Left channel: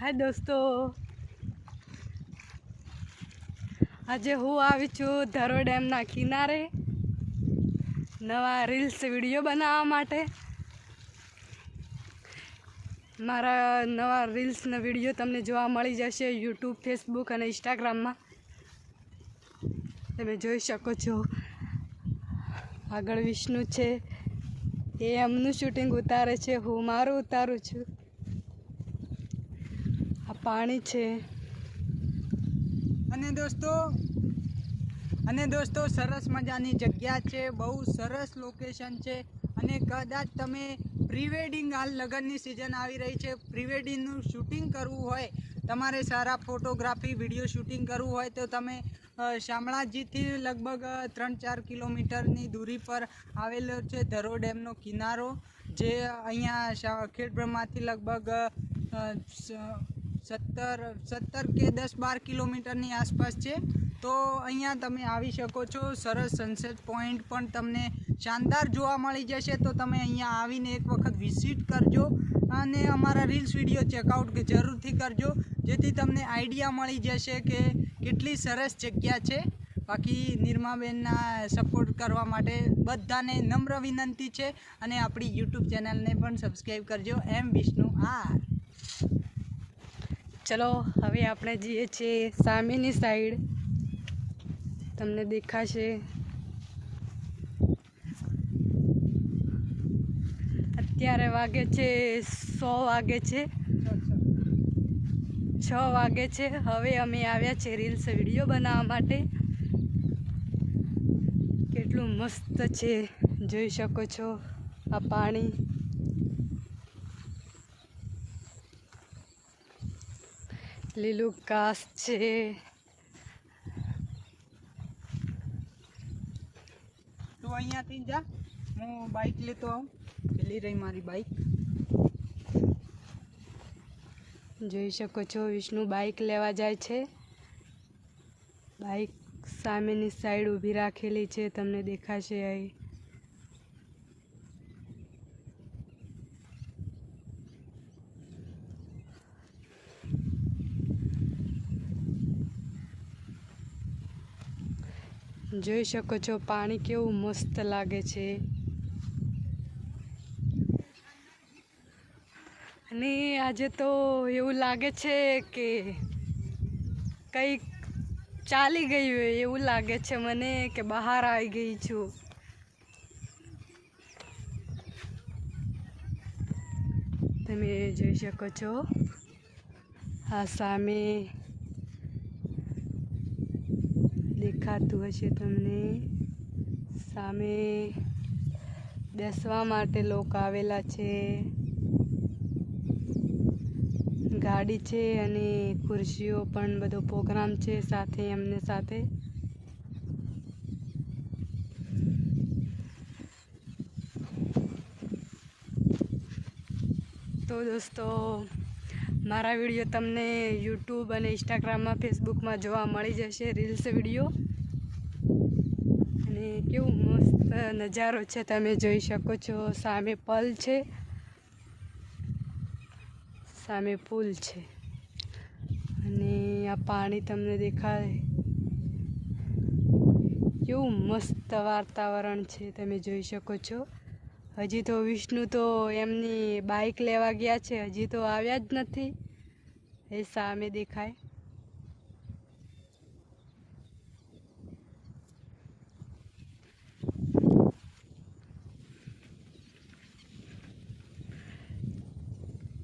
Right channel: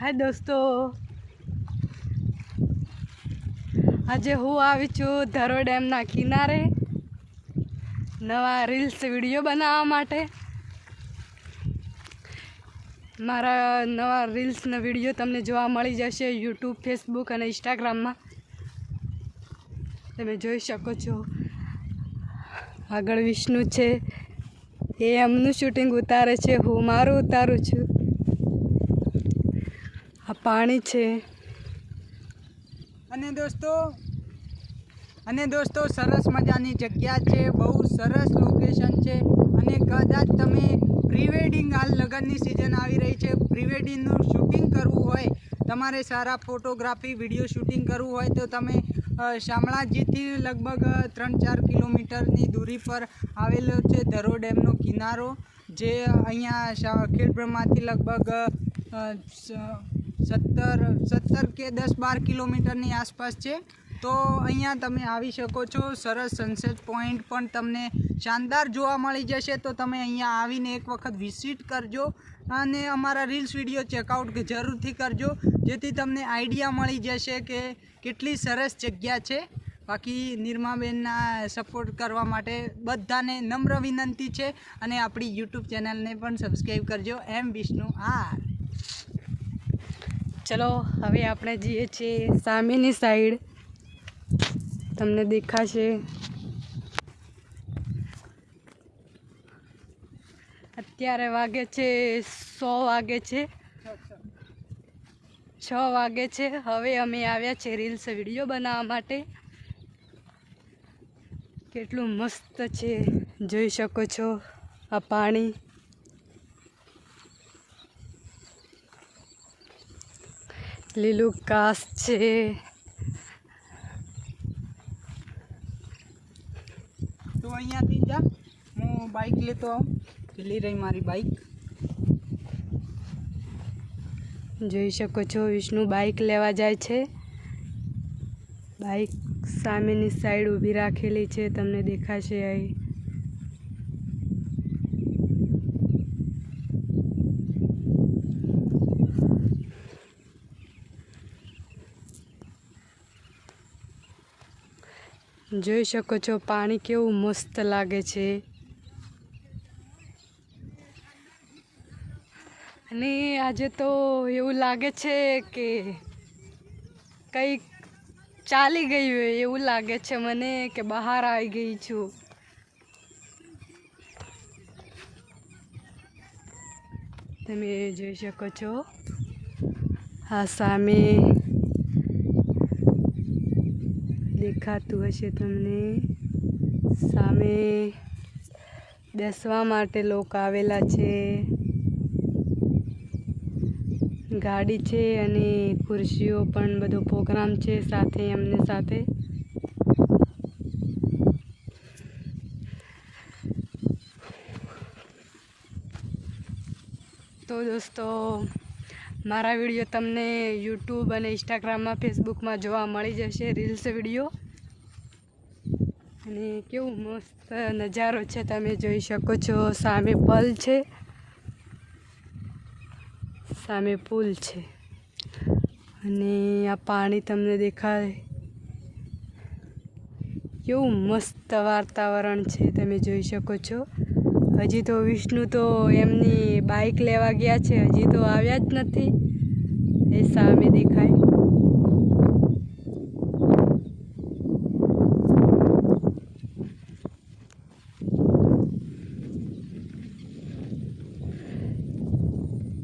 હાય દોસ્તો. આજે હું આવી છું ધરો ડેમના કિનારે નવા રીલ્સ વીડિયો બનાવવા માટે. મારા નવા રીલ્સના વીડિયો તમને જોવા મળી જશે યુટ્યુબ, ફેસબુક અને ઇન્સ્ટાગ્રામમાં. તમે જોઈ શકો છો. આગળ વિષ્ણુ છે. એ એમનું શૂટિંગ ઉતારે છે. હું મારું ઉતારું છું. પાણી છે. અને દોસ્તો અને દોસ્તો, સરસ મજાની જગ્યા છે, બહુ સરસ લોકેશન છે. અને કદાચ તમે પ્રી વેડિંગ હાલ લગ્નની સિઝન આવી રહી છે. પ્રી વેડિંગનું શૂટિંગ કરવું હોય, તમારે સારા ફોટોગ્રાફી વીડિયો શૂટિંગ કરવું હોય, તો તમે શામળાજીથી લગભગ ત્રણ ચાર કિલોમીટરની દૂરી પર આવેલો છે ધરો ડેમનો કિનારો, જે અહીંયા ખેડબ્રહ્માથી લગભગ સત્તર સત્તર કે દસ બાર કિલોમીટરની આસપાસ છે. તો અહીંયા તમે આવી શકો છો. સરસ સનસેટ પોઈન્ટ પણ તમને શાનદાર જોવા મળી જશે. તો તમે અહીંયા આવીને એક વખત વિઝિટ કરજો અને અમારા રીલ્સ વીડિયો ચેકઆઉટ જરૂરથી કરજો. જેથી તમને આઈડિયા મળી જશે કે કેટલી સરસ જગ્યા છે. બાકી નિર્માબેનના સપોર્ટ કરવા માટે બધાને નમ્ર વિનંતી છે. અને આપણી યુટ્યુબ ચેનલને પણ સબસ્ક્રાઈબ કરજો. એમ વિષ્ણુ આર ચલો, હવે આપણે જઈએ છીએ સામેની સાઈડ તમને દેખાશે. અત્યારે વાગે છે સો વાગે છે. છ વાગે છે. હવે અમે આવ્યા છે રીલ્સ વીડિયો બનાવવા માટે. કેટલું મસ્ત છે. જોઈ શકો છો આ પાણી. લીલું ઘાસ છે. તો અહીંયાથી જા. હું બાઇક લેતો આવું. પેલી રહી મારી બાઇક જોઈ શકો છો વિષ્ણુ બાઇક લેવા જાય છે. બાઇક સામેની સાઈડ ઊભી રાખેલી છે તમને દેખાશે અહીં. જોઈ શકો છો, પાણી કેવું મસ્ત લાગે છે. અને આજે તો એવું લાગે છે કે કંઈક ચાલી ગયું હોય એવું લાગે છે મને કે બહાર આવી ગઈ છું. તમે જોઈ શકો છો. આ સામે દેખાતું હશે તમને. સામે બેસવા માટે લોકો આવેલા છે. ગાડી છે અને ખુરશીઓ પણ બધો પ્રોગ્રામ છે સાથે, એમને સાથે. તો દોસ્તો મારા વીડિયો તમને યુટ્યુબ અને ઇન્સ્ટાગ્રામમાં ફેસબુકમાં જોવા મળી જશે રીલ્સ વીડિયો. અને કેવું મસ્ત નજારો છે, તમે જોઈ શકો છો. સામે પલ છે. સામે પુલ છે. અને આ પાણી તમને દેખાય. કેવું મસ્ત વાતાવરણ છે, તમે જોઈ શકો છો. હજી તો વિષ્ણુ તો એમની બાઇક લેવા ગયા છે. હજી તો આવ્યા જ નથી. એ સામે દેખાય.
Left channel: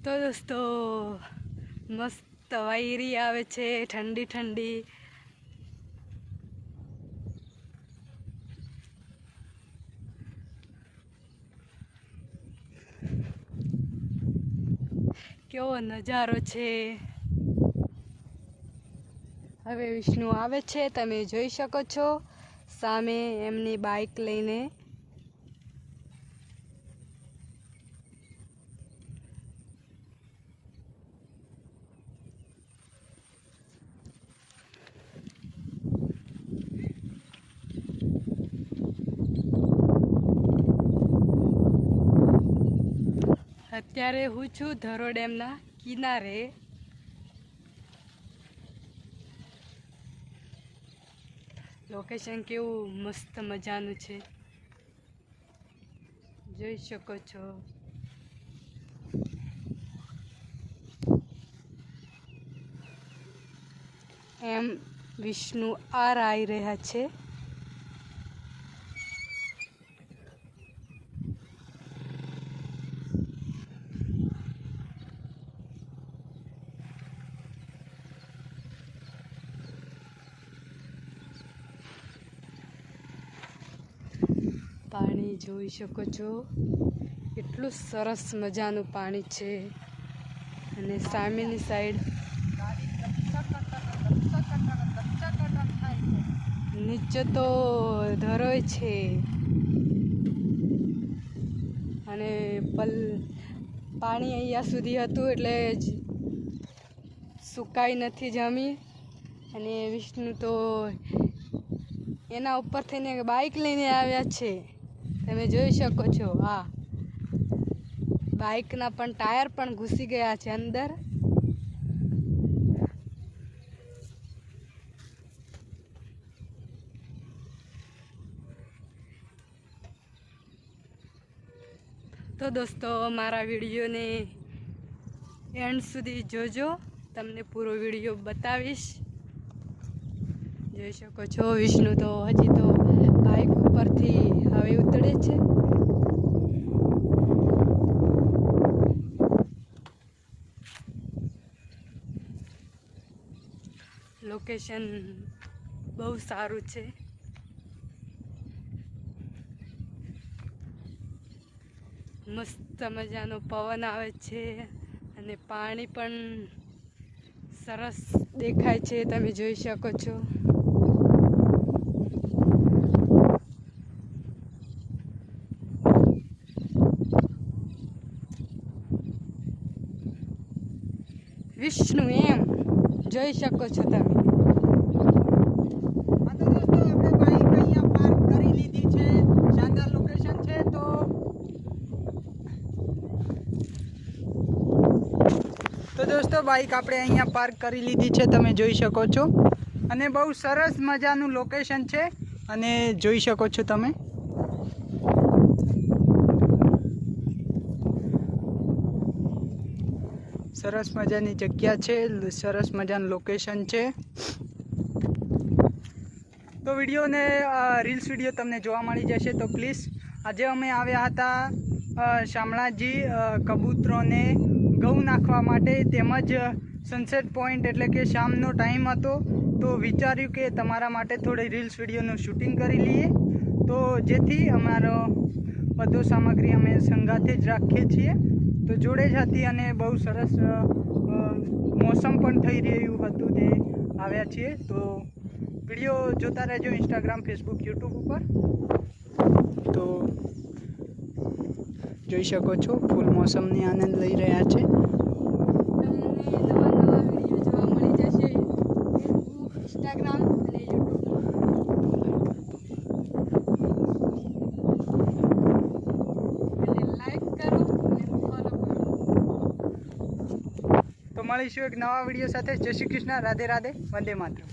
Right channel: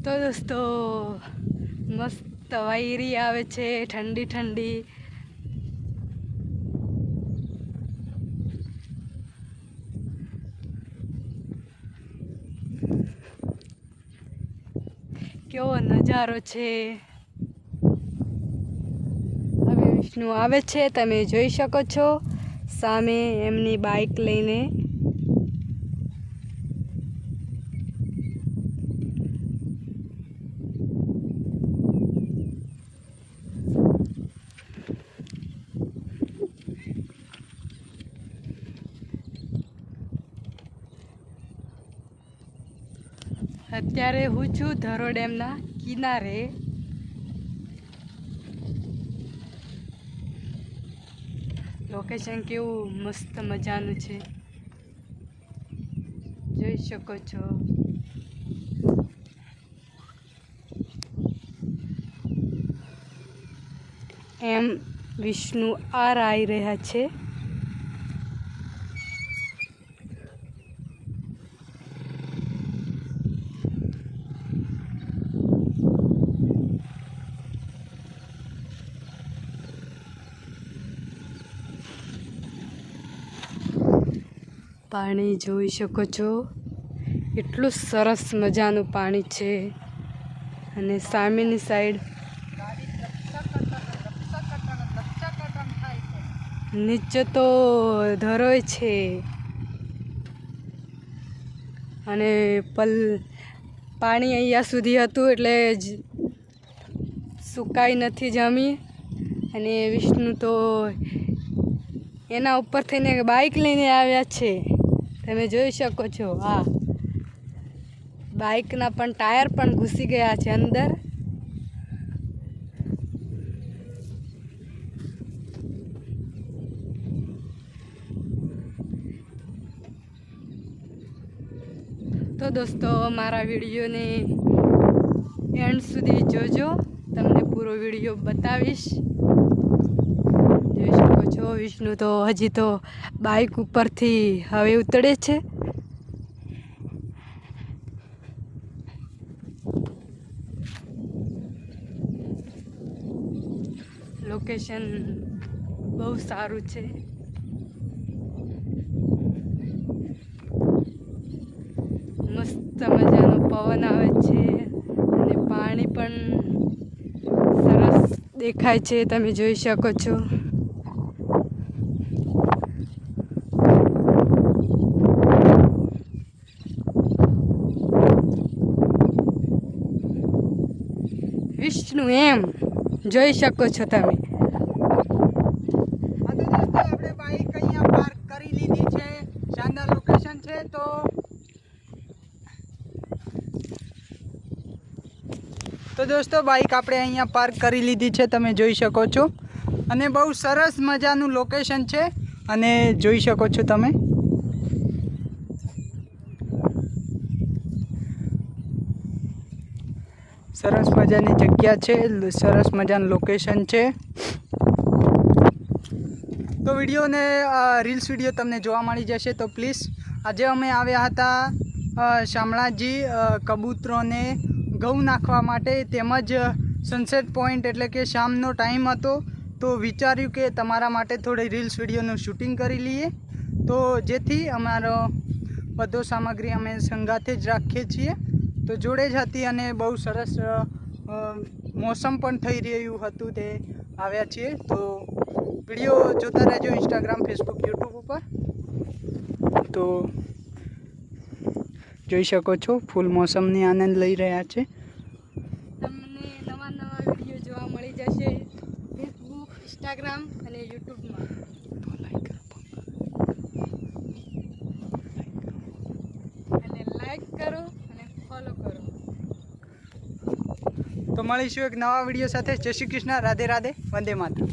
તો દોસ્તો, મસ્ત વાયરી આવે છે. ઠંડી ઠંડી કેવો નજારો છે? હવે વિષ્ણુ આવે છે, તમે જોઈ શકો છો. સામે એમની બાઇક લઈને અત્યારે હું છું ધરો ડેમના કિનારે. લોકેશન કેવું મસ્ત મજાનું છે. જોઈ શકો છો. એમ વિષ્ણુ આર આવી રહ્યા છે. પાણી જોઈ શકો છો. એટલું સરસ મજાનું પાણી છે. અને સામેની સાઈડ નીચે તો ધરોય છે. અને પલ પાણી અહીંયા સુધી હતું એટલે જ સુકાઈ નથી જમી. અને વિષ્ણુ તો એના ઉપર થઈને બાઇક લઈને આવ્યા છે. તમે જોઈ શકો છો, હા. બાઇકના પણ ટાયર પણ ઘૂસી ગયા છે અંદર. તો દોસ્તો, મારા વિડીયોને એન્ડ સુધી જોજો. તમને પૂરો વીડિયો બતાવીશ. છો વિષ્ણુ, તો હજી તો બાઇક ઉપરથી હવે ઉતરે છે. લોકેશન બહુ સારું છે. મસ્ત મજાનો પવન આવે છે અને પાણી પણ સરસ દેખાય છે, તમે જોઈ શકો છો. વિષ્ણુ એમ જોઈ શકો છો તમે. આપણે બાઈક અહીંયા પાર્ક કરી લીધી છે. શાનદાર લોકેશન છે તો દોસ્તો બાઈક આપણે અહીંયા પાર્ક કરી લીધી છે, તમે જોઈ શકો છો. અને બહુ સરસ મજાનું લોકેશન છે. અને જોઈ શકો છો તમે. સરસ મજાની જગ્યા છે, સરસ મજાનું લોકેશન છે. તો વિડીયોને રીલ્સ વીડિયો તમને જોવા મળી જશે, તો પ્લીઝ આજે અમે આવ્યા હતા શામળાજી કબૂતરોને ઘઉં નાખવા માટે તેમજ સનસેટ પોઈન્ટ એટલે કે શામનો ટાઈમ હતો, તો વિચાર્યું કે તમારા માટે થોડી રીલ્સ વિડીયોનું શૂટિંગ કરી લઈએ. તો જેથી અમારો બધો સામગ્રી અમે સંગાથે જ રાખીએ છીએ. તો જોડે જ હતી અને બહુ સરસ મોસમ પણ થઈ રહ્યું હતું તે આવ્યા છીએ. તો વીડિયો જોતા રહેજો ઇન્સ્ટાગ્રામ ફેસબુક યુટ્યુબ ઉપર. તો જોઈ શકો છો, ફૂલ મોસમની આનંદ લઈ રહ્યા છે. તમને નવા નવા વીડિયો જોવા મળી જશે ફેસબુક ઇન્સ્ટાગ્રામ અને યુટ્યુબમાં એટલે લાઈક કરો અને ફોલો કરો મળીશું એક નવા વીડિયો સાથે. જય શ્રી કૃષ્ણ. રાધે રાધે. વંદે માતરમ.